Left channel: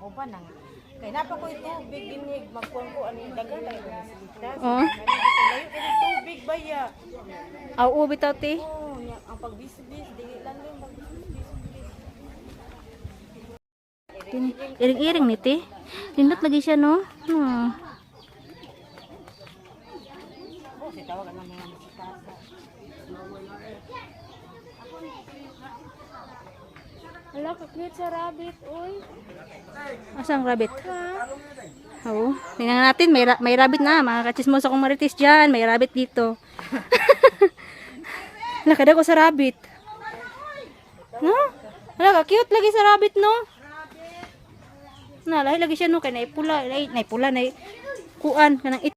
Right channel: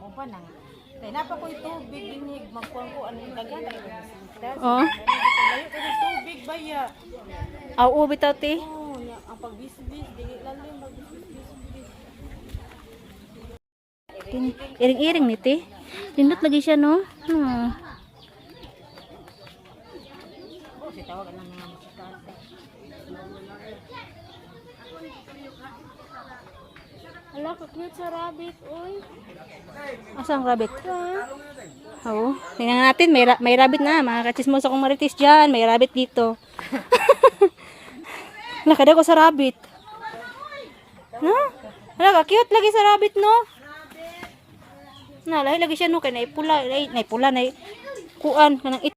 Mo pa nang. Kaya napa ko tubig inig magkuan ko ano dagat ang Oh. layo ko ng tubig baya. Aw, bitaw ti. Oh, ang pagbisbis dili lang yung pagbisbis. Iring-iring ni ti. Lindot lagi siya no. Si tawag ang mga musitasa. Ala, ka-cute sa rabbit, oy. Asang rabbit? Oo. Tingnan natin, may rabbit na. Mga kachismos akong marites dyan. May rabbit dito. Nakada ko sa rabbit. No? Ala, ka-cute lagi sa rabbit, no? Na, lahi lagi siya, no? Kaya naipula, kuan, kanang it.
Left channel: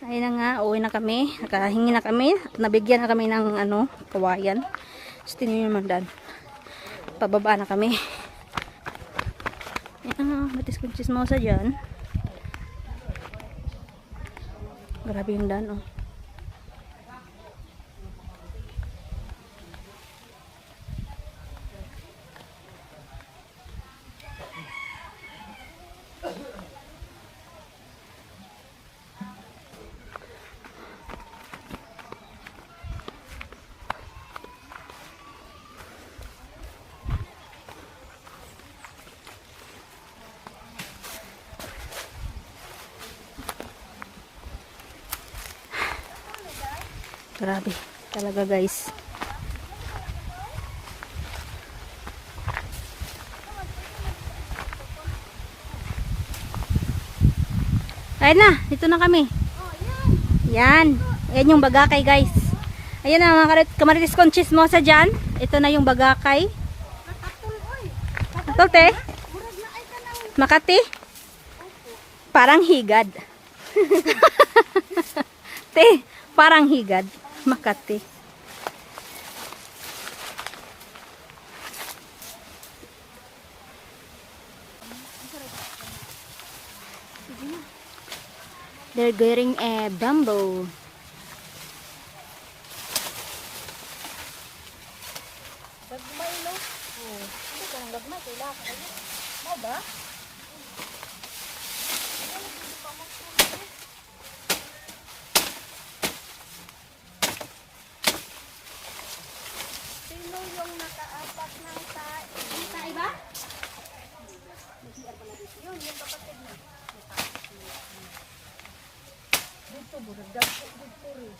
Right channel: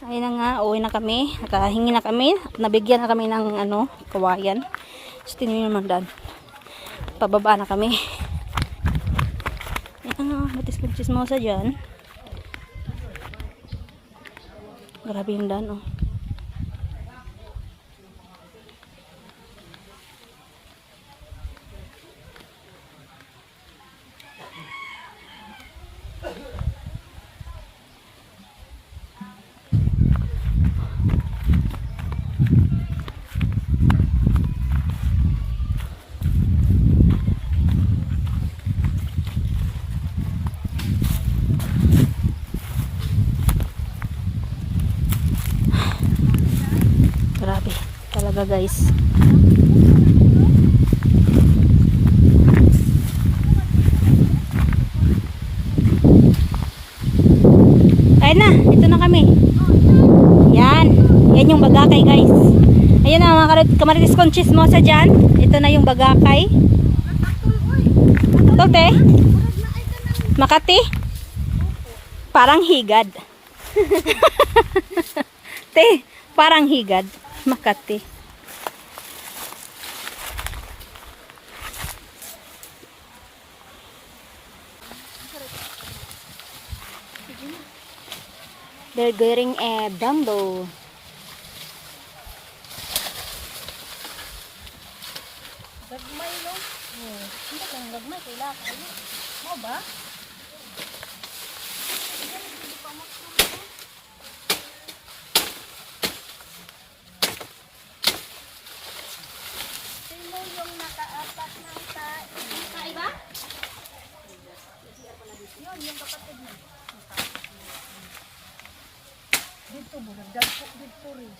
Ayun na nga, uwi na kami. Nakahingi na kami. Nabigyan na kami ng, kawayan. So, tingnan naman dan. Pababa na kami. Yan nga, batis kong chismosa dyan. Grabe yung dan, oh. Grabe talaga, guys. Ayun na, dito na kami. Yan. Yan yung bagakay, guys. Ayun na mga kamaritis kong chismosa dyan. Ito na yung bagakay. Ito, te. Makati. Parang higad. Te, parang higad. Makati. They're getting a bamboo. Gagmay no. Oh, hindi ka nang gagmay kailangan. Mo ba? Sino yung nakaapak ng tae? Tae ba? Yun, yung kapatid mo. Dito, buragdag po dito rin.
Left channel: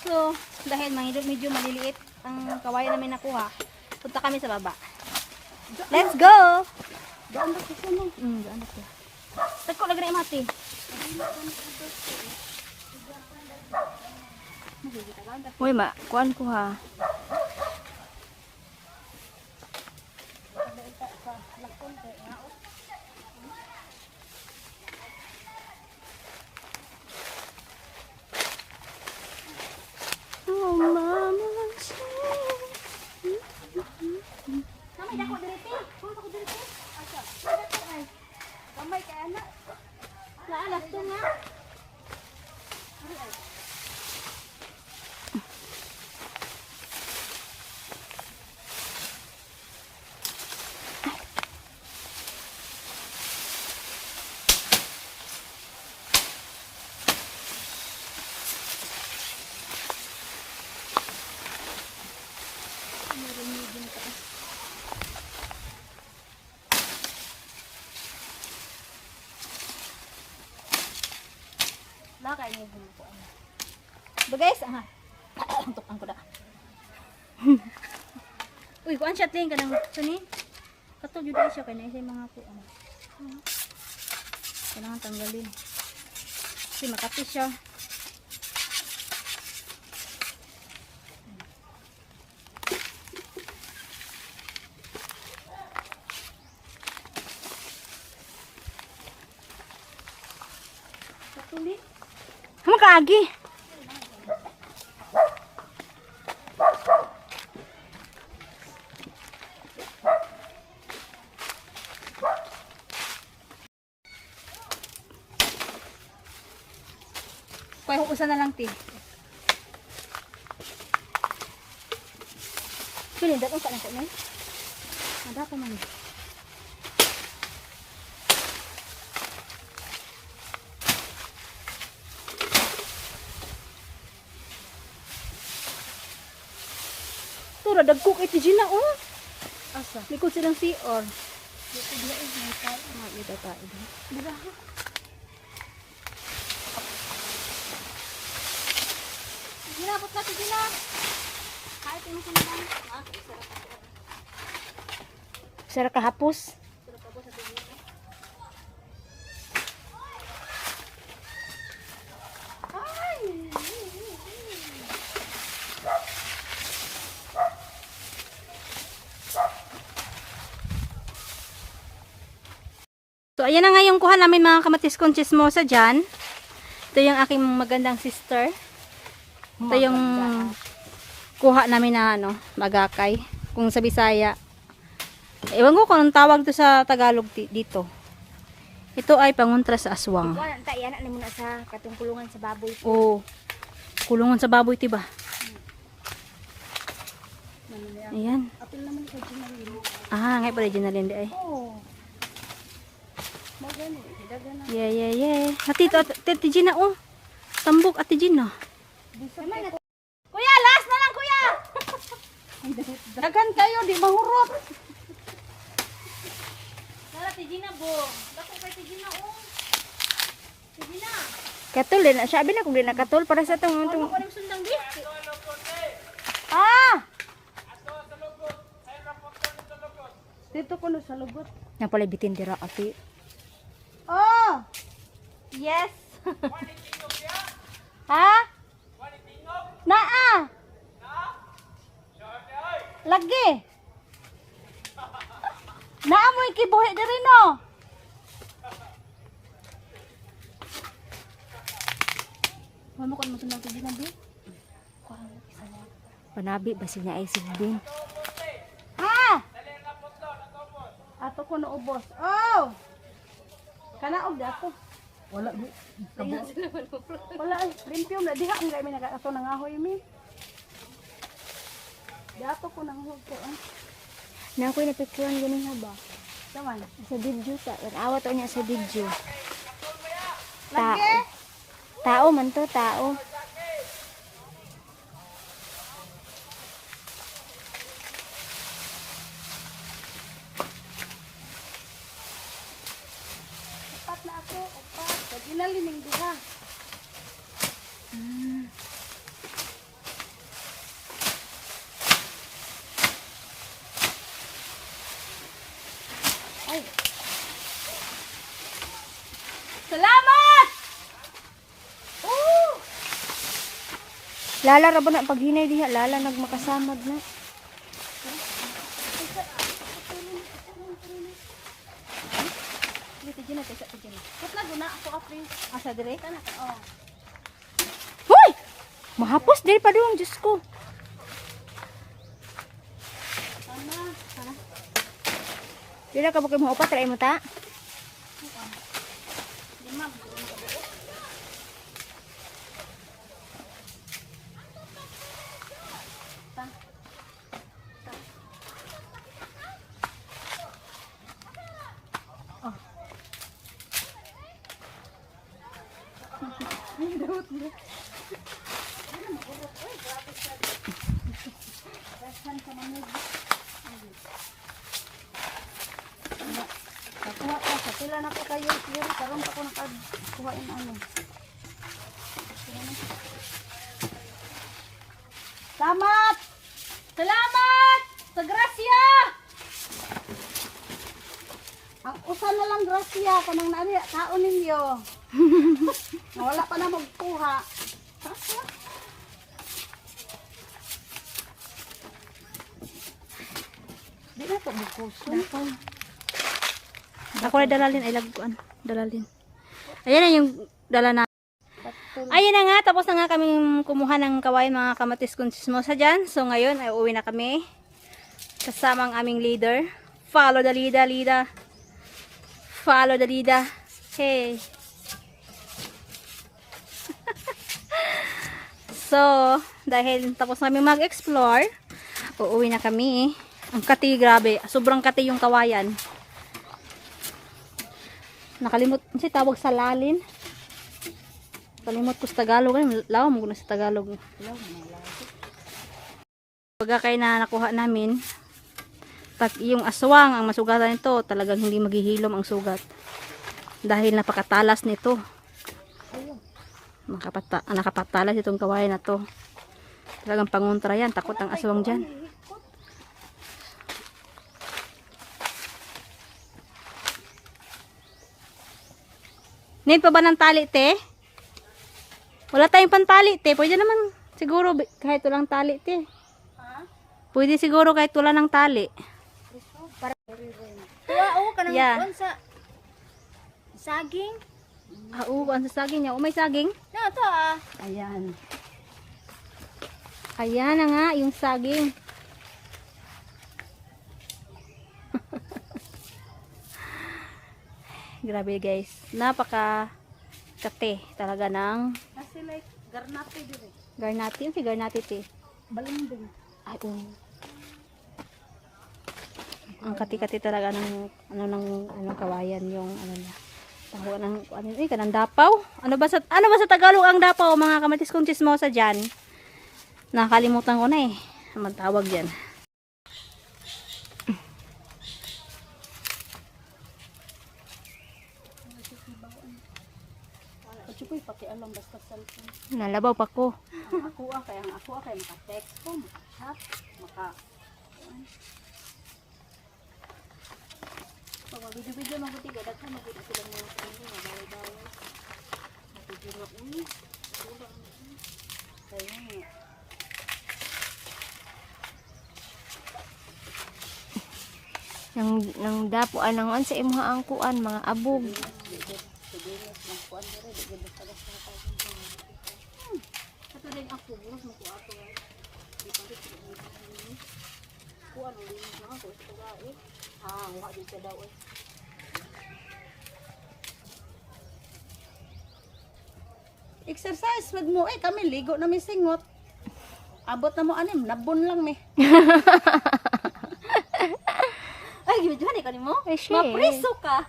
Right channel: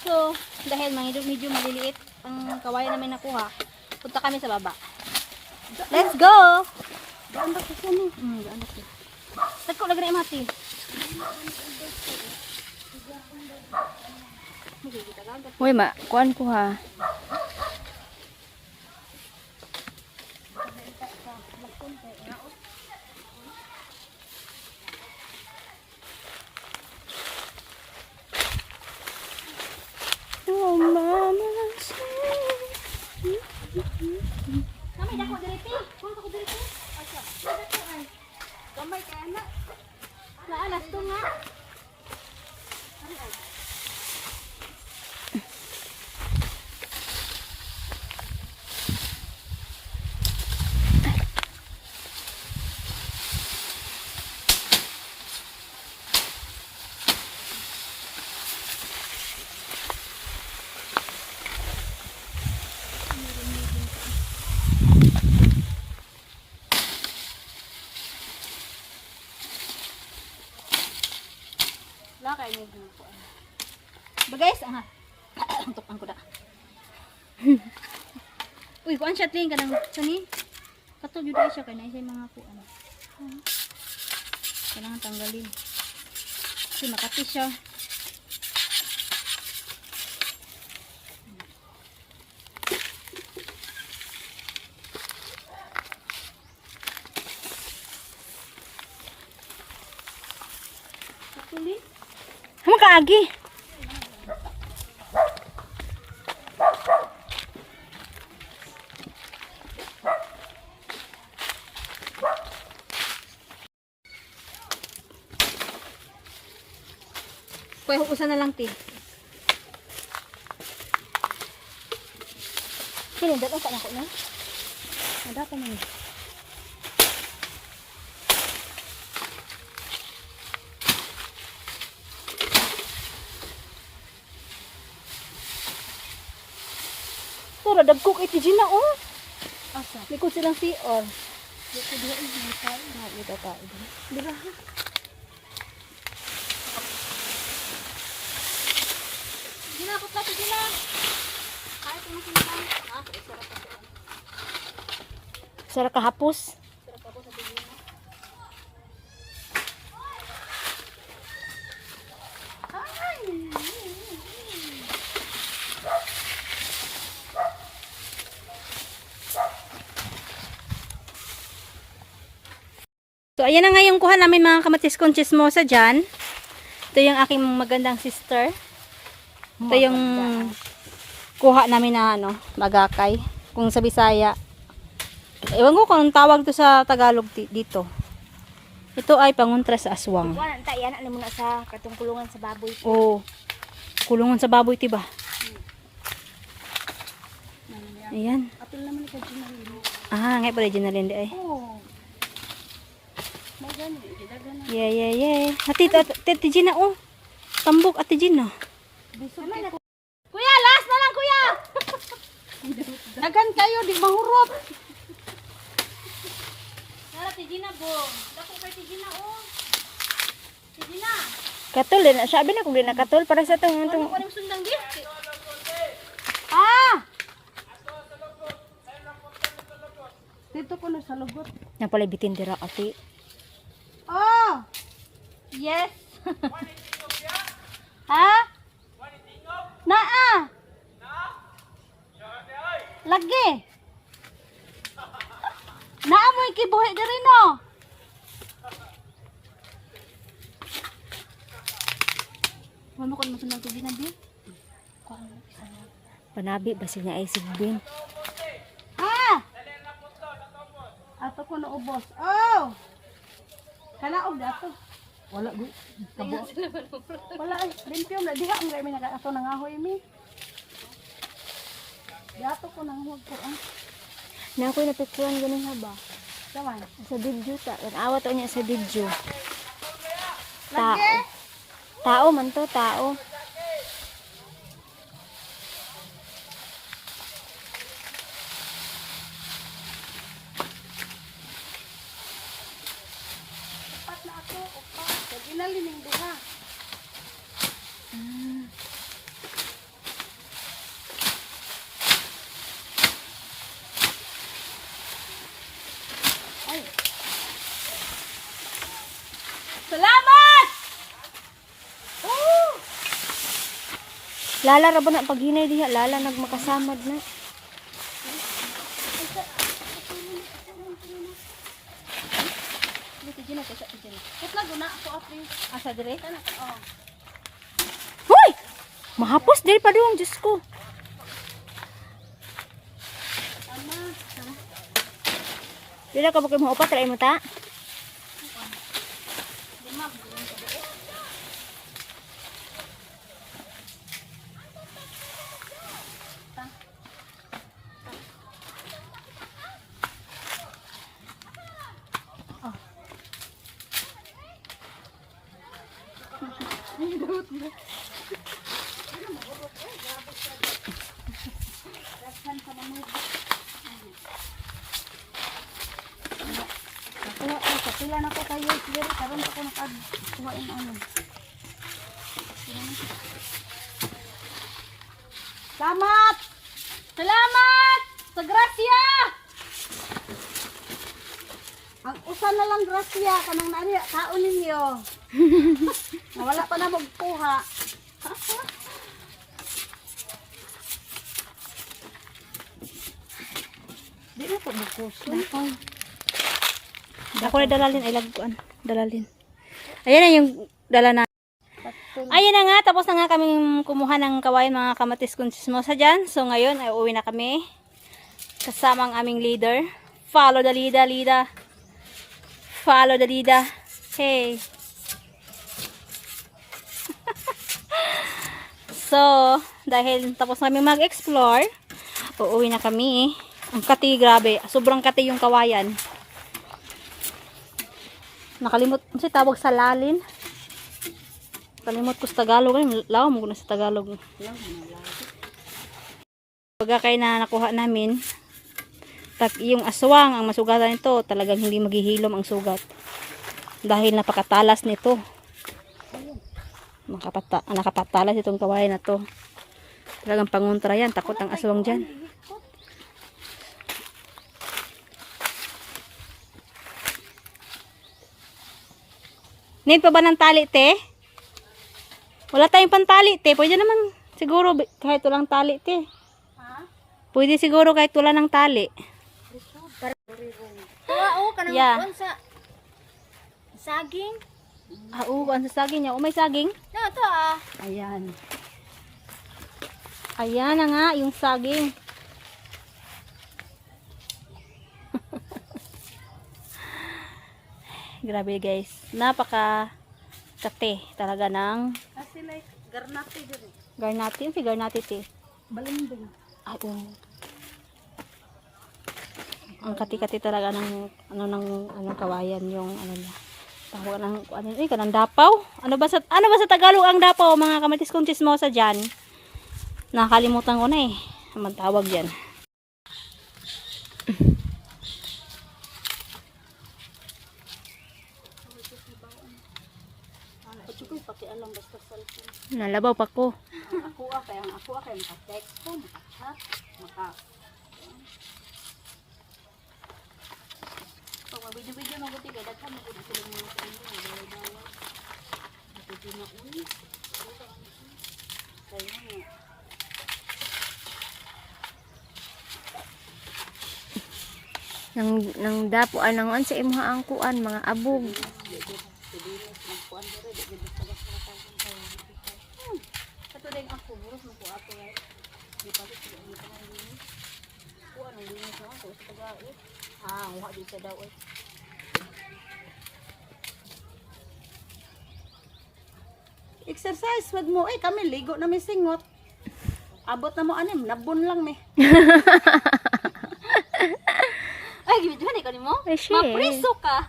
So, dahil medyo maliliit ang kawayan namin nakuha, punta kami sa baba. Let's go! Daan ba kasi ni? Daan na siya. Tagko lagi na imati. Uy, kuhaan ko ha. Oh, mama. Kami dako direte. Kung ako direte. Asa? Dako ay. Gamay kay anak. Naalas to nga. Lakay niyo ko. Ba guys, tukan ko da. Uy, kuan siya ting kanang sani. Kato jud siya kay na mga kuan. Kailangan tanggalin. Kasi makati siya. Katuli. Hamo kaagi. Usa na lang ti. Kini dapat ka nako na. Ada pa man. Tura dagkok iti Gina oh. Asa? Likod silang CR. Dito din may tayo. Makita tayo din. Dira. Gila ko pa gila. Kahit mo sinabi. Ah, isara pa. Sara kahapos. Isara pa ko sa tingin mo. Ay! So, ayan na nga yung kuha namin mga kamatis kong chismosa dyan. Ito yung aking magandang sister. Ito yung kuha namin na ano, bagakay. Kung sa Bisaya. Ewan ko kung anong tawag to sa Tagalog dito. Ito ay panguntra sa aswang. Kuan ta yan ano muna sa katungkulungan sa baboy. Oo. Kulungan sa baboy, tiba? Ayan. Apil naman sa ginalino. Ah, ngay pala dyan na rin di ay. Oh. Magani, dagana. Yeah. Hatito, Titi Gina, oh. Tambok, Ate Gina. Kuya, last na lang kuya. Dagan kayo di mahurot. Wala, Ate Gina, bo. Dako kay Ate Gina, oh. Ate Gina. Katul din. Sabi na kung di nakatul para sa itong... Ano ko rin sundang di? Ah! Dito ko na sa lubot. Napalibitin dira ati. Oh! Yes! Ha? Naa! Lagi! Naa mo ikibuhi diri no? Mama ko naman sundang tiji na bi? Panabi basi niya ay sigbin. Ha? Ato ko na ubos. Oh! Kanaog dato. Wala di. Wala ay rimpiom na diha ang may nagato nangahoy mi. Dato ko nang hug ko ah. Na ako'y napicturean ganun ha ba? Saman. Sa video ta. Awat o niya sa video. Lagi. Tao man to, tao. Upat na ako, upat. Lagi na lining duha. Ay. Salamat! Oh! Lala ra ba na paghinay diha? Lala nagmakasamad na. Dito dyan na, dito dyan na. Put na guna ako apri. Asa dire? Kana ka, oh. Hoy! Mahapos diri pa doon, Diyos ko. Ano? Ha? Dila ka bakit mo upat, try mo ta? Di ma'am. Sila na ko kayo clear karon pa ko nakakuhain ano. Salamat! Salamat! Sa grasya! Ang usa na lang grasya kanang naani kaon ninyo. Wala pa na magkuha. Di na to bukos. Ako na dalalin, ay lagkuan. Dalalin. Ayan na yung dala na. Ayan na nga, tapos na nga kaming kumuha ng kawain mga kamatis kong chismosa dyan. So ngayon ay uwi na kami. Kasama ang aming leader. Follow the leader. Follow the leader. Hey. So, dahil tapos namin mag-explore, uuwi na kami. Ang kati, grabe. Sobrang kati yung kawayan. Nakalimut, kasi tawag sa lalin. Kalimut ko sa Tagalog. Lawa mo ko na sa Tagalog. Pagka kayo na nakuha namin, yung aswang, ang masugatan nito, talagang hindi maghihilom ang sugat. Dahil napakatalas nito. Nakapatalas itong kawayan na to. Talagang pangontra yan. Takot ang aswang dyan. Need pa ba ng tali, te? Wala tayong pantali, te. Pwede naman siguro kahit walang tali, te. Pwede siguro kahit wala ng tali. Oo, kanang Yeah. sa saging. Oo, ang saging niya. O, may saging? Na to ah. Ayan. Ayan na nga, yung saging. Grabe guys. Napaka kate talaga ng Kasi like, garnate dito. garnati. Yung si garnati, te. Balimbing. Ay, oo. Ang kati-kati talaga ng anong kawayan yung ano niya. Tawag ng ano yun, kanang dapaw. Ano ba sa Tagalog ang dapaw, mga kamatis kong chismosa diyan? Nakalimutan ko na eh. Ang tawag diyan. Pagkikoy, pati alam basta cellphone. Nalabaw pa ko. Ang ako kay maka-text ko, maka-chat, pag mag-video-video mabuti kaya daghan mabuti sila ng mga bawal-bawal. Video na uy. Kaya nga. Nang dapo anang sa imuha ang kuan mga abog. Kato din ako, buros mo ko ato nga. Di pa rin sila nito na linis. Kuha nang linis na ako sa tagait. Huwag din sa daw eh. Exercise, wag mo eh. Kami ligo na may singot. Abot na mo anim, nabon lang me. Ay, gimit ka ni mo? Ay, shit. Mapriso ka.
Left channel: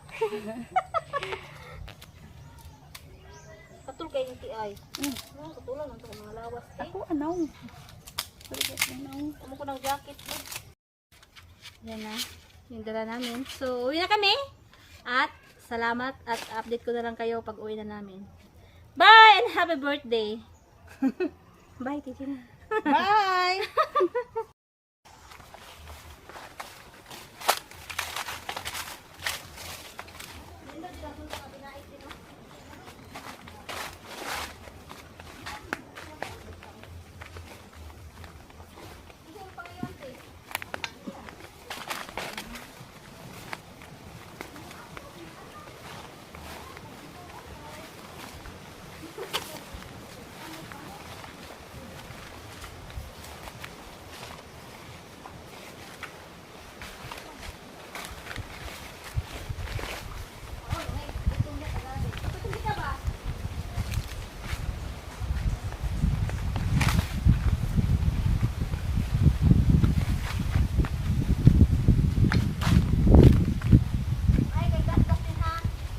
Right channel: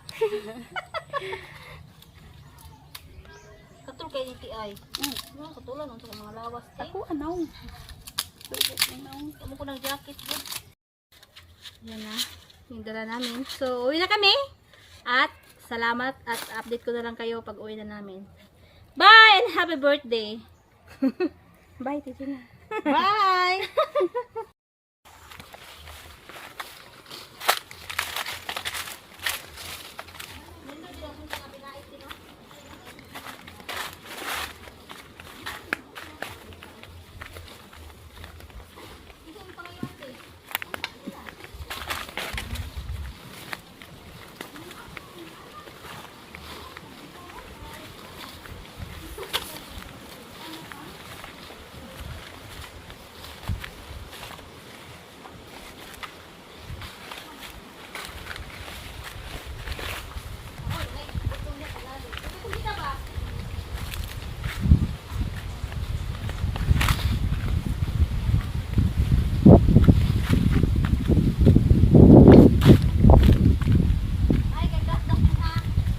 Katul kay ni T.I. Katulan ang mga lawas. Ako, anaw. Amo ko ng jacket. Yan na. Yung dala namin. So, uwi na kami. At salamat at update ko na lang kayo pag uwi na namin. Bye and happy birthday. Bye, Titina. Bye!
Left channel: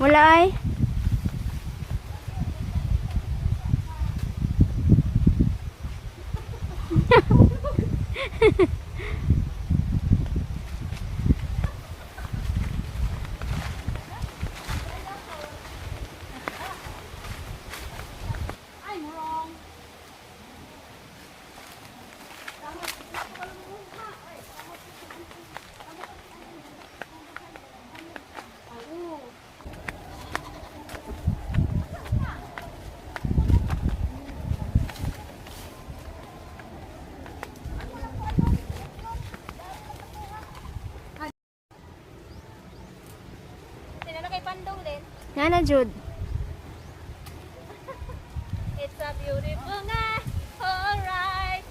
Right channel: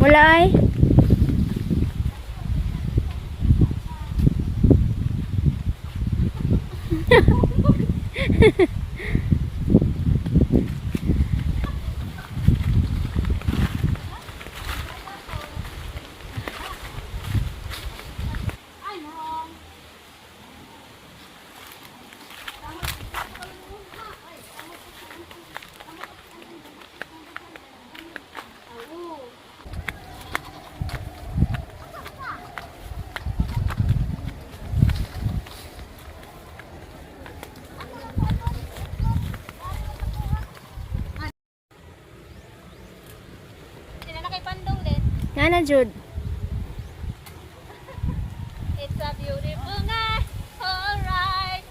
Wala ay. Nana Jud. It's a beautiful night. Alright.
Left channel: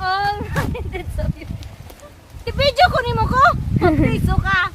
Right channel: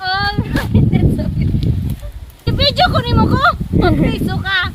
Alright. That's so beautiful. I-video ko ni mo ko. Magpriso ka.